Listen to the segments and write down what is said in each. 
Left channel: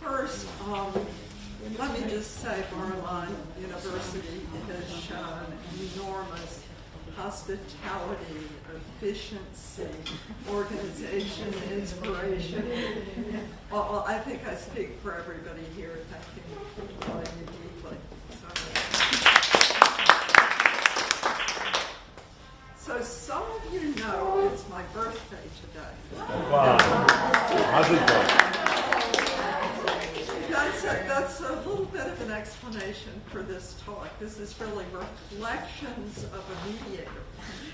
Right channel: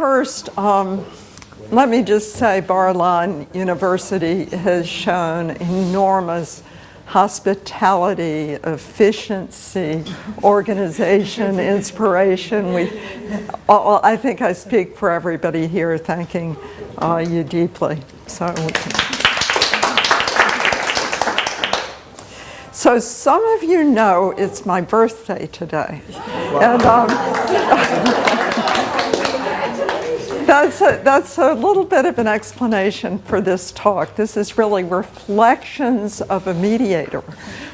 first, let me just say Bar-Ilan University has shown enormous hospitality, efficiency, organization, inspiration. I think I speak for everybody here thanking you deeply. So some of you know it's my birthday today. Wow. And that's a little bit of an explanation for this talk. This is really reflections of a mediator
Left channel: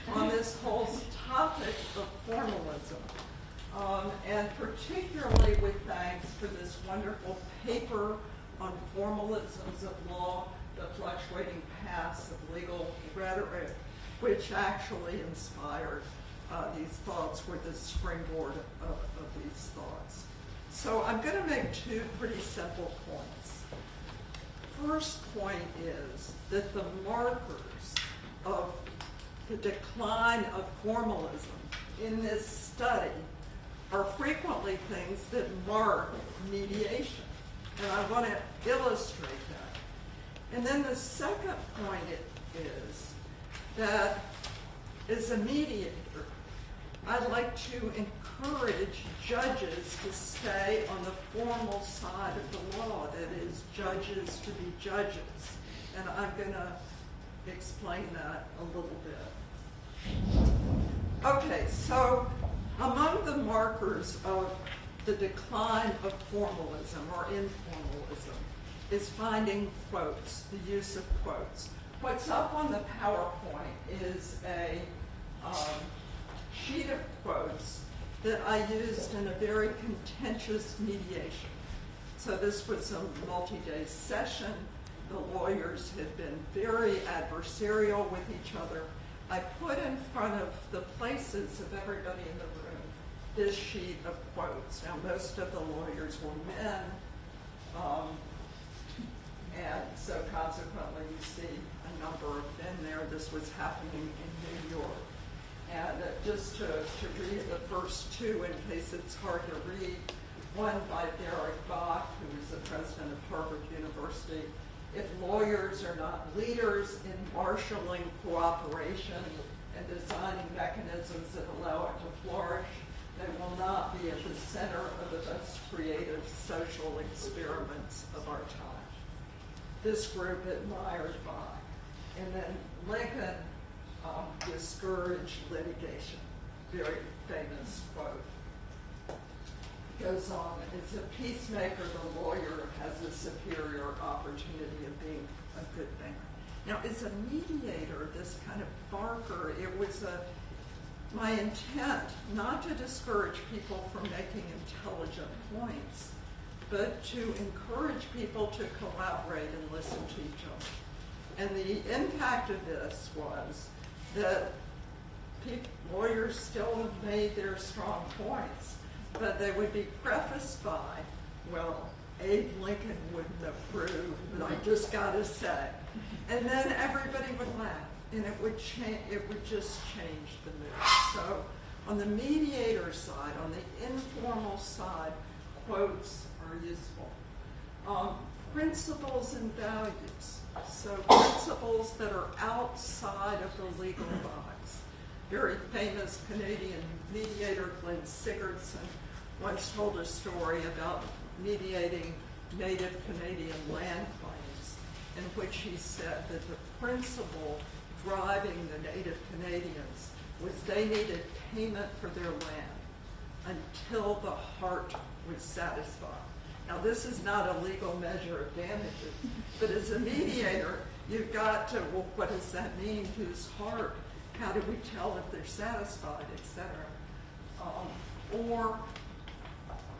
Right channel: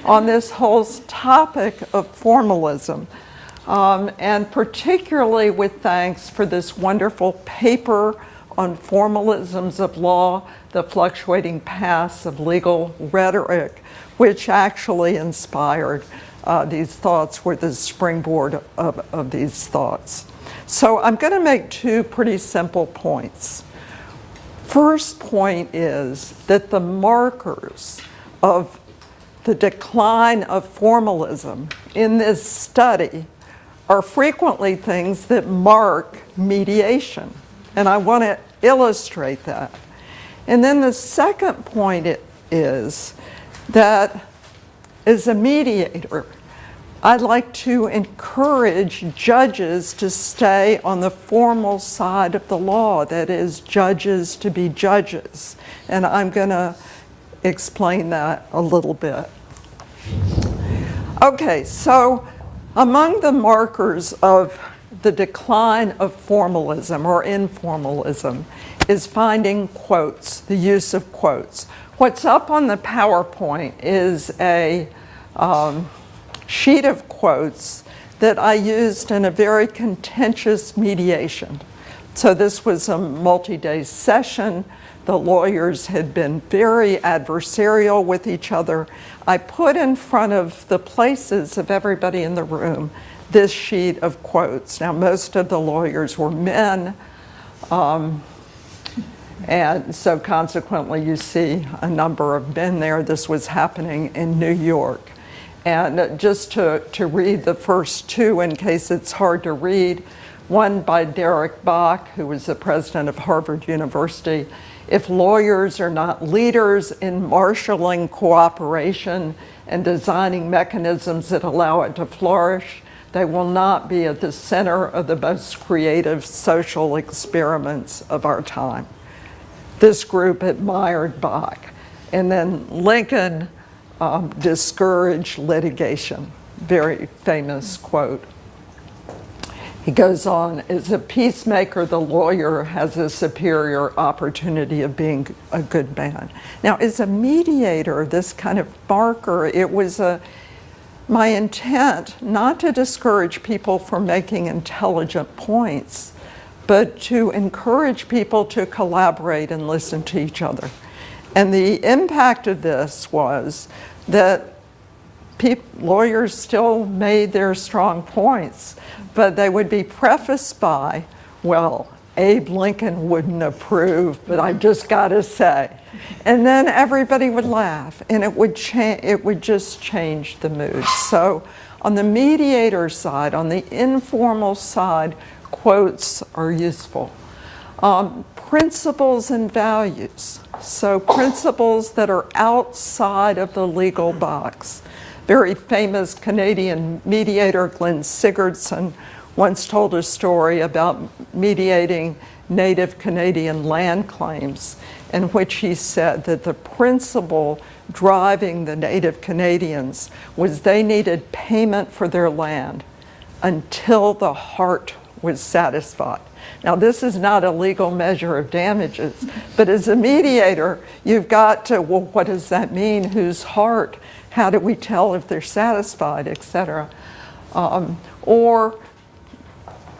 on this whole topic of formalism, and particularly with thanks for this wonderful paper on formalisms of law, the fluctuating paths of legal rhetoric, which actually inspired these thoughts, were the springboard of these thoughts. So I'm going to make two pretty simple points. First point is that the markers of the decline of formalism in this study are frequently things that mark mediation. And I want to illustrate that. And then the second point is that as a mediator, I'd like to encourage judges to stay on the formal side of the law, that is, judges to be judges. And I'm going to explain that a little bit. Okay, so among the markers of the decline of formalism or informalism is finding quotes, the use of quotes. What's up on the PowerPoint is a sheet of quotes that I used in a very contentious mediation. So this was a multi-day session. The lawyers had been very adversarial with each other. I put in front of the places of everybody in the room this sheet of quotes. Now, most of the lawyers were men, and so consequently you see a number of men there. This was happening in New York. And just to read the first two in case it's hard to read, one by Derek Bach, who was the president of Harvard University. If lawyers are not leaders in marshaling cooperation and designing mechanisms that allow it to flourish, they will not be at the center of the most creative social experiments of our time. This group admired Bach. And then Lincoln discouraged litigation. Very famous quote. He goes on, as a peacemaker, the lawyer has a superior opportunity of being a good man. Now, as a mediator, this kind of marker, it was my intent not to discourage people from making intelligent points, but to encourage people to collaborate and listen to each other. And the impact of this was that lawyers still made their strong points, but they would be prefaced by, well, Abe Lincoln wouldn't approve, but I've just got to say. And then everybody would laugh, and it would just change the mood. So on the mediator side, on the informal side, quotes are useful. Principles and values. So principles that are outside of the legal box. Very famous Canadian mediator Glenn Sigurdsson once told a story about mediating Native Canadian land claims, in which he said that the principle driving the Native Canadians was they needed payment for their land until the heart was satisfied. Now, this is not a legal measure of damages, but as a mediator, you've got to, well, what does that mean? Whose heart? How do we tell if they're satisfied, et cetera? Or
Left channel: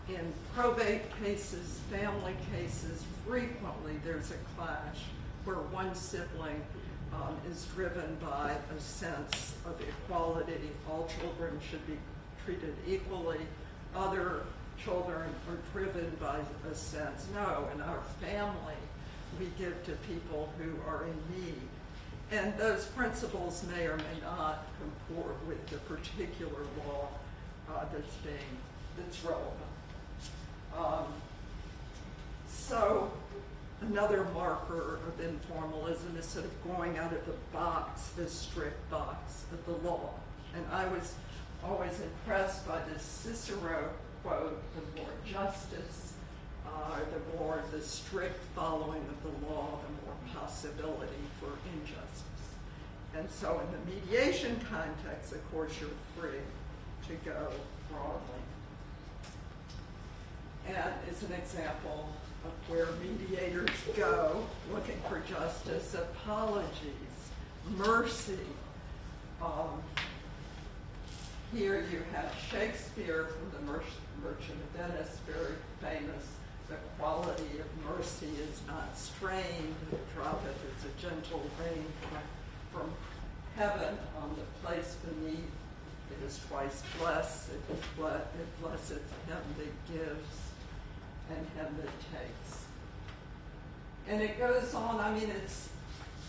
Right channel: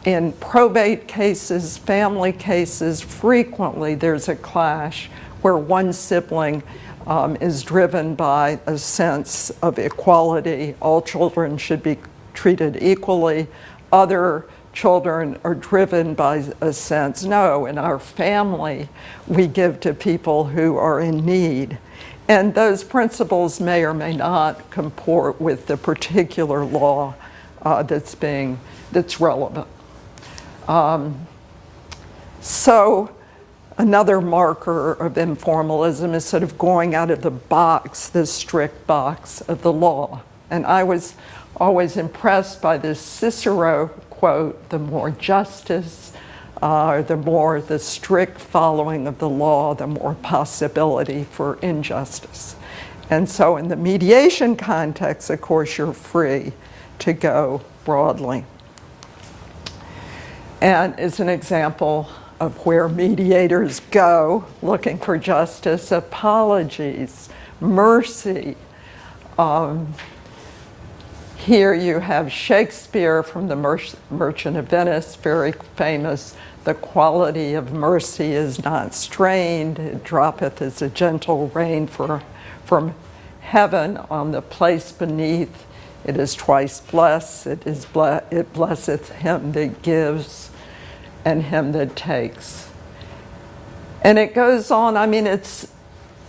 in probate cases, family cases, frequently there's a clash where one sibling is driven by a sense of equality. All children should be treated equally. Other children are driven by a sense, no, in our family, we give to people who are in need. And those principles may or may not comport with the particular law that's relevant. So another marker of informalism is sort of going out of the box, the strict box of the law. And I was always impressed by this Cicero quote, the more justice, the strict following of the law, the more possibility for injustice. And so in the mediation context, of course, you're free to go broadly. And as an example of where mediators go looking for justice, apologies, mercy. Here you have Shakespeare from The Merchant of Venice, very famous. The quality of mercy is not strained. It droppeth as a gentle rain from heaven on the place beneath. It is twice blessed. It blesseth him that gives and him that takes. And it goes on. I mean,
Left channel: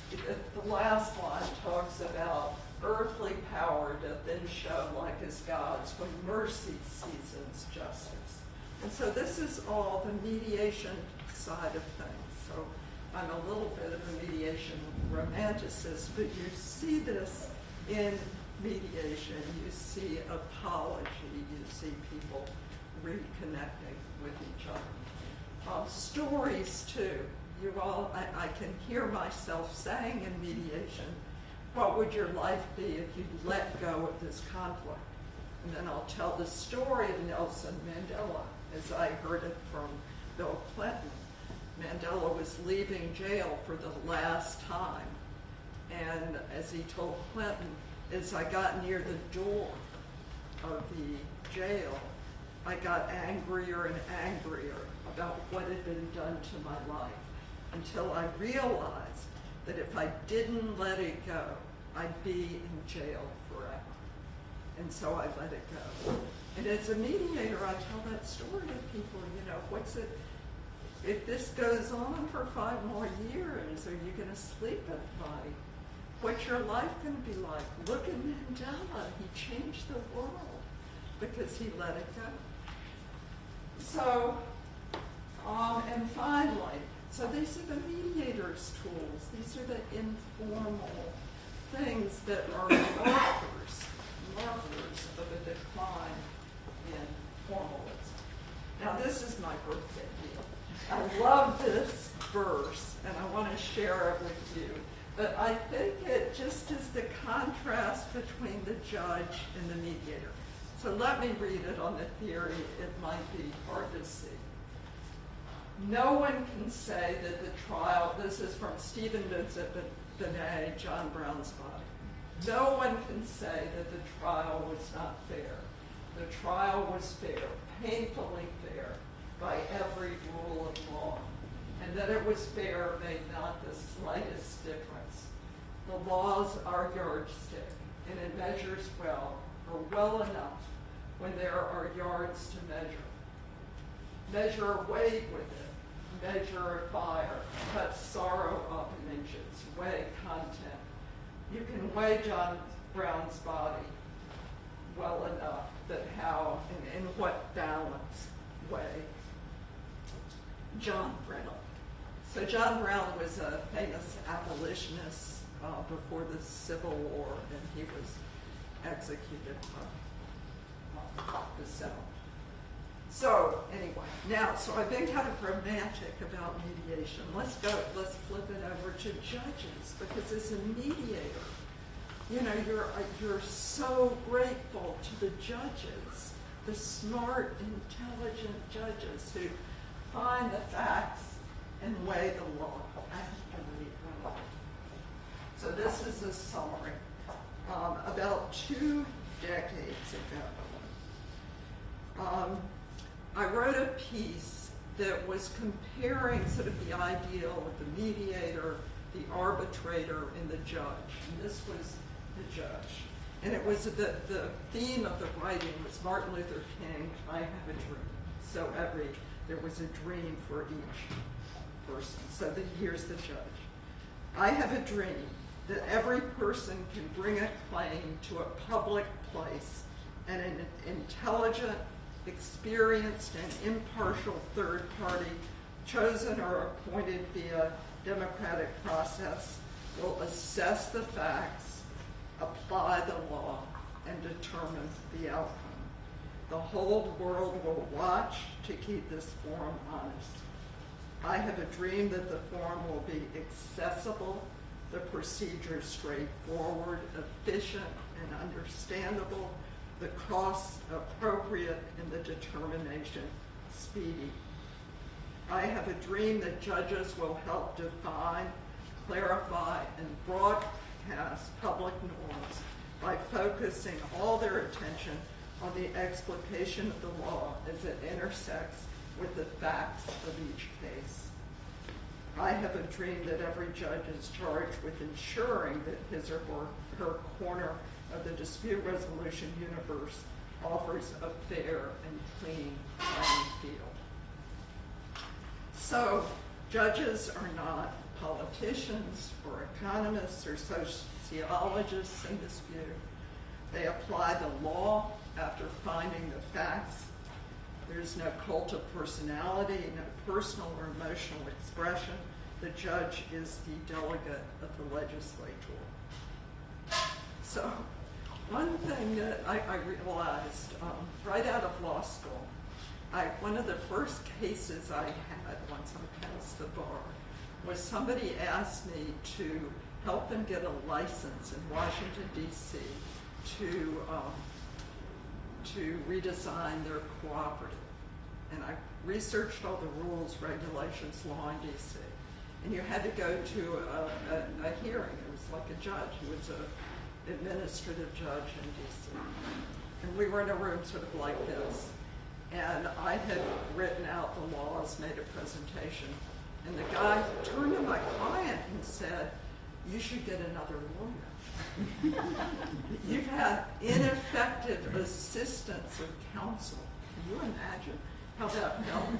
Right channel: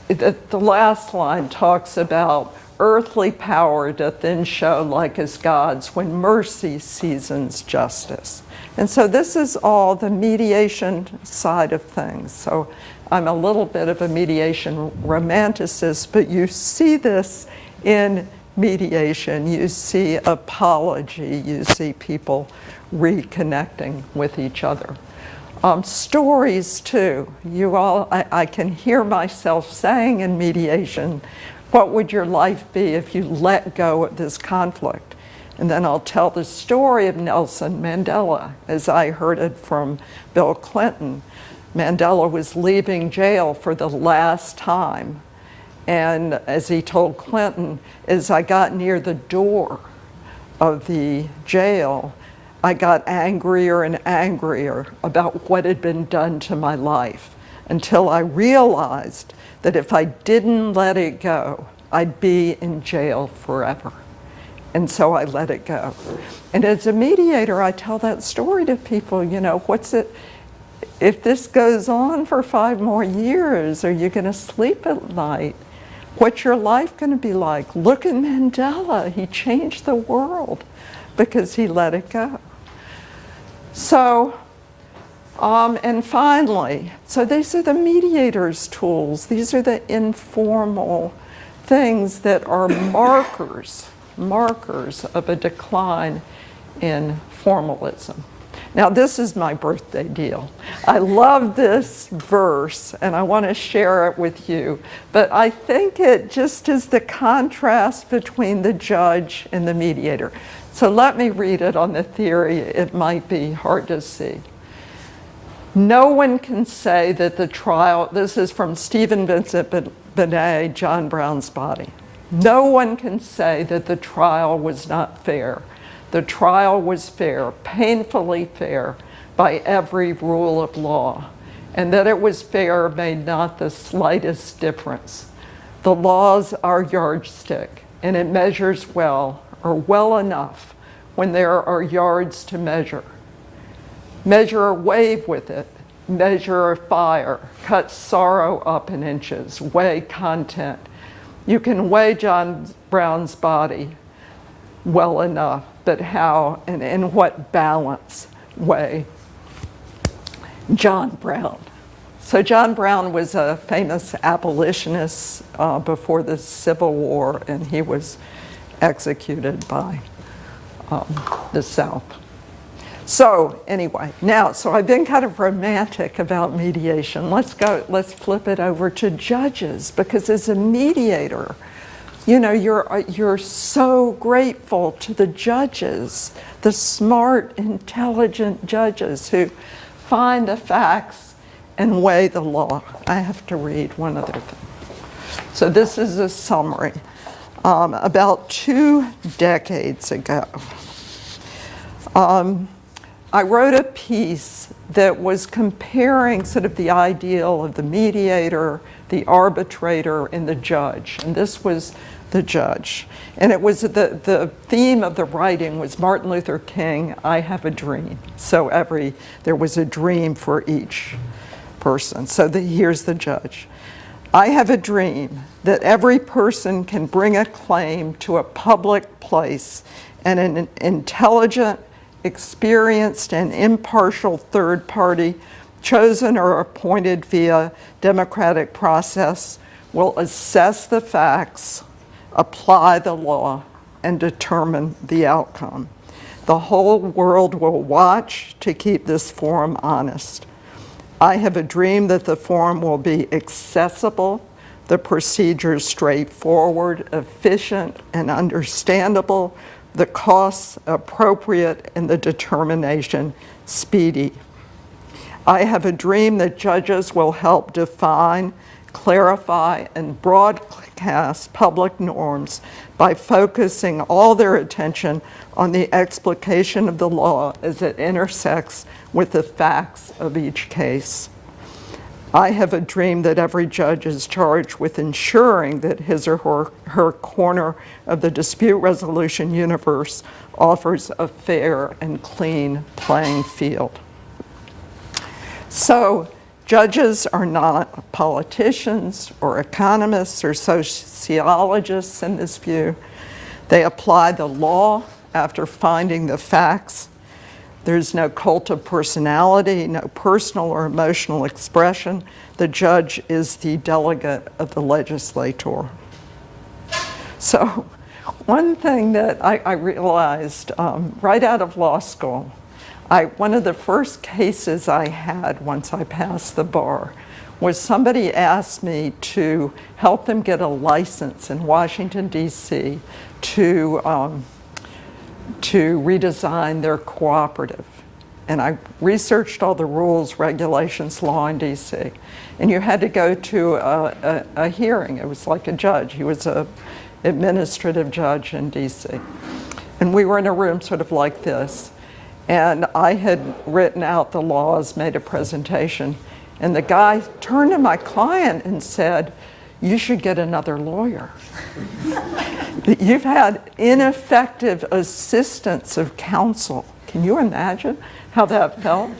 the last line talks about earthly power doth then show like as God's when mercy seasons justice. And so this is all the mediation side of things. So I'm a little bit of a mediation romanticist, but you see this in mediation. You see apology. You see people reconnecting with each other. Stories too. I can hear myself saying in mediation, what would your life be if you let go of this conflict? And then I'll tell the story of Nelson Mandela as I heard it from Bill Clinton. Mandela was leaving jail for the last time. And as he told Clinton, as I got near the door of the jail, I got angrier and angrier about what had been done to my life until I realized that if I didn't let it go, I'd be in jail forever. And so I let it go. And as a mediator, I tell that story to people, if this goes on for 5 more years, are you going to sleep at night? What's your life going to be like? Look at Mandela. He changed the world because he let it go. So, and finally, so these are the mediator's tools. These are the informal things that are markers of a decline in formalism. Now, this is my birthday deal. I love this verse, and I want to share it with you. But I think it just is the contrast between the judge and the mediator. So let me read it on the theory. It might be hard to see. No one can say that the trial, this is from Stephen Vincent Benet, John Brown's Body. No one can say that the trial was not fair. The trial was fair, painfully fair, by every rule of law. And that it was fair made not the slightest difference. The law's our yardstick, and it measures well, or well enough, when there are yards to measure. Measure a wave with it, measure a fire, cut sorrow up in inches, weigh content. You can weigh John Brown's body well enough, but how and in what balance weigh John Brown? So John Brown was a famous abolitionist before the Civil War, and he was executed by the South. So anyway, so I've been kind of romantic about mediation. Let's flip it over to judges, because as a mediator, you're so grateful to the judges, the smart, intelligent judges who find the facts and weigh the law. I have to read one other thing. So this is a summary. About 2 decades ago, I wrote a piece that was comparing sort of the ideal of the mediator, the arbitrator, and the judge. And this was the judge. And it was the theme of the writing was Martin Luther King, I have a dream. So there was a dream for each person. So here's the judge. I have a dream that every person can bring a claim to a public place, and an intelligent, experienced, and impartial third party chosen or appointed via democratic process, will assess the facts, apply the law, and determine the outcome. The whole world will watch to keep this forum honest. I have a dream that the forum will be accessible, the procedures straightforward, efficient, and understandable, the costs appropriate, and the determination speedy. I have a dream that judges will help define, clarify, and broadcast public norms by focusing all their attention on the explication of the law as it intersects with the facts of each case. I have a dream that every judge is charged with ensuring that his or her corner of the dispute resolution universe offers a fair and clean playing field. So, judges are not politicians or economists or sociologists in this view. They apply the law after finding the facts. There's no cult of personality, no personal or emotional expression. The judge is the delegate of the legislator. So one thing that I realized right out of law school, one of the first cases I had once I passed the bar was somebody asked me to help them get a license in Washington, D.C. to redesign their cooperative. And I researched all the rules, regulations, law in DC. And you had to go to a hearing. It was like a judge. He was an administrative judge in DC. And we were in a room sort of like this. And I had written out the laws, made a presentation. And the guy turned to my client and said, "You should get another lawyer. You've had ineffective assistance of counsel." Can you imagine how that felt?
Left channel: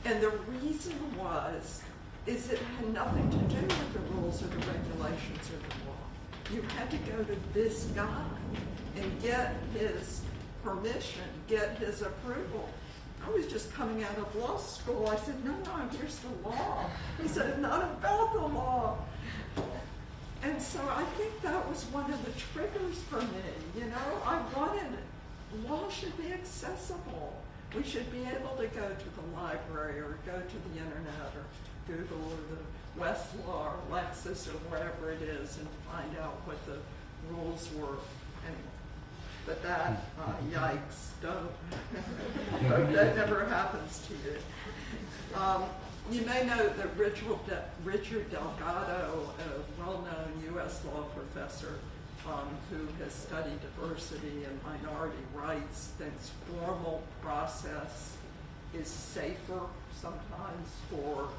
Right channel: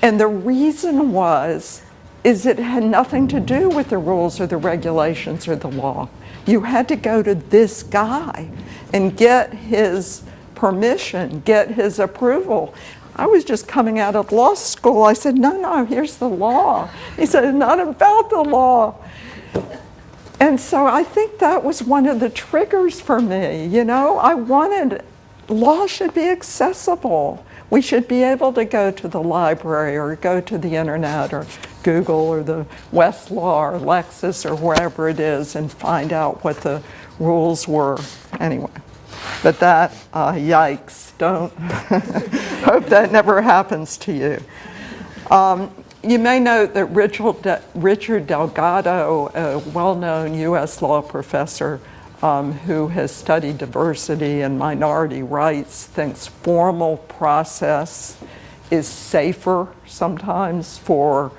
And the reason is it had nothing to do with the rules or the regulations or the law. You had to go to this guy and get his permission, get his approval. I was just coming out of law school. I said, no, here's the law. He said, it's not about the law. And so I think that was one of the triggers for me. You know, I wanted, law should be accessible. We should be able to go to the library or go to the internet or Google or the Westlaw or Lexis or wherever it is and find out what the rules were. Anyway, but that, yikes, don't, hope that never happens to you. You may note that Richard Delgado, a well-known US law professor who has studied diversity and minority rights, thinks formal process is safer sometimes for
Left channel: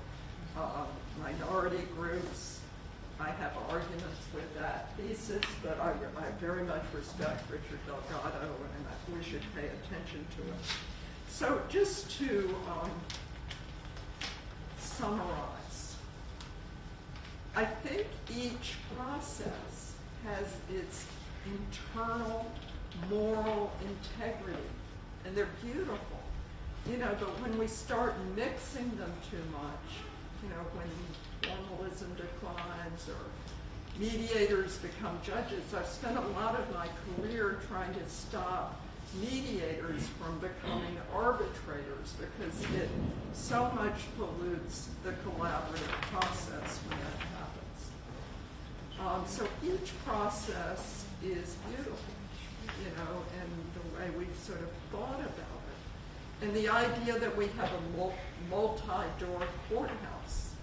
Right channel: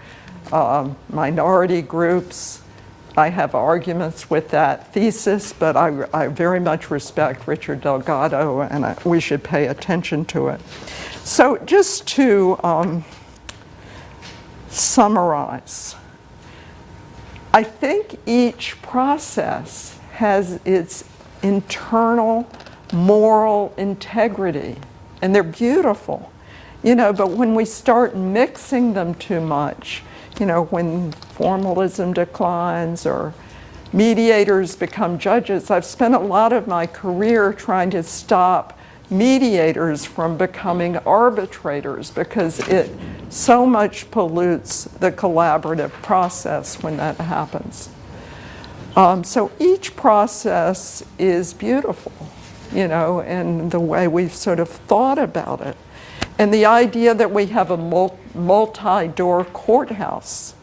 minority groups. I have arguments with that thesis, but I very much respect Richard Delgado, and we should pay attention to it. So just to summarize, I think each process has its internal moral integrity, and they're beautiful, you know, but when we start mixing them too much, you know, when formalism declines or mediators become judges, I've spent a lot of my career trying to stop mediators from becoming arbitrators because it so much pollutes the collaborative process when that happens. So each process is beautiful, you know, and the way we've sort of thought about it. And the idea that we have a multi-door courthouse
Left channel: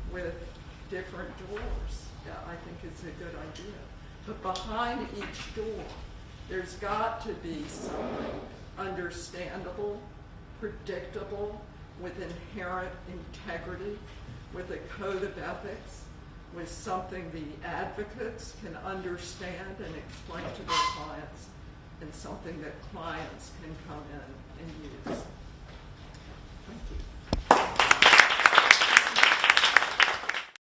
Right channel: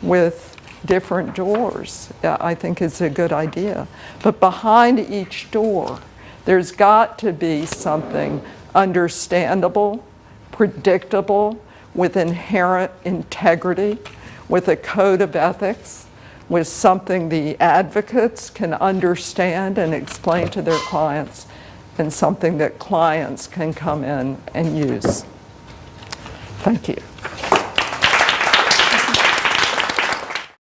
with different doors, I think is a good idea. But behind each door, there's got to be something understandable, predictable, with inherent integrity, with a code of ethics, with something the advocates can understand and explain to their clients, and something that clients can come in and use. Thank you.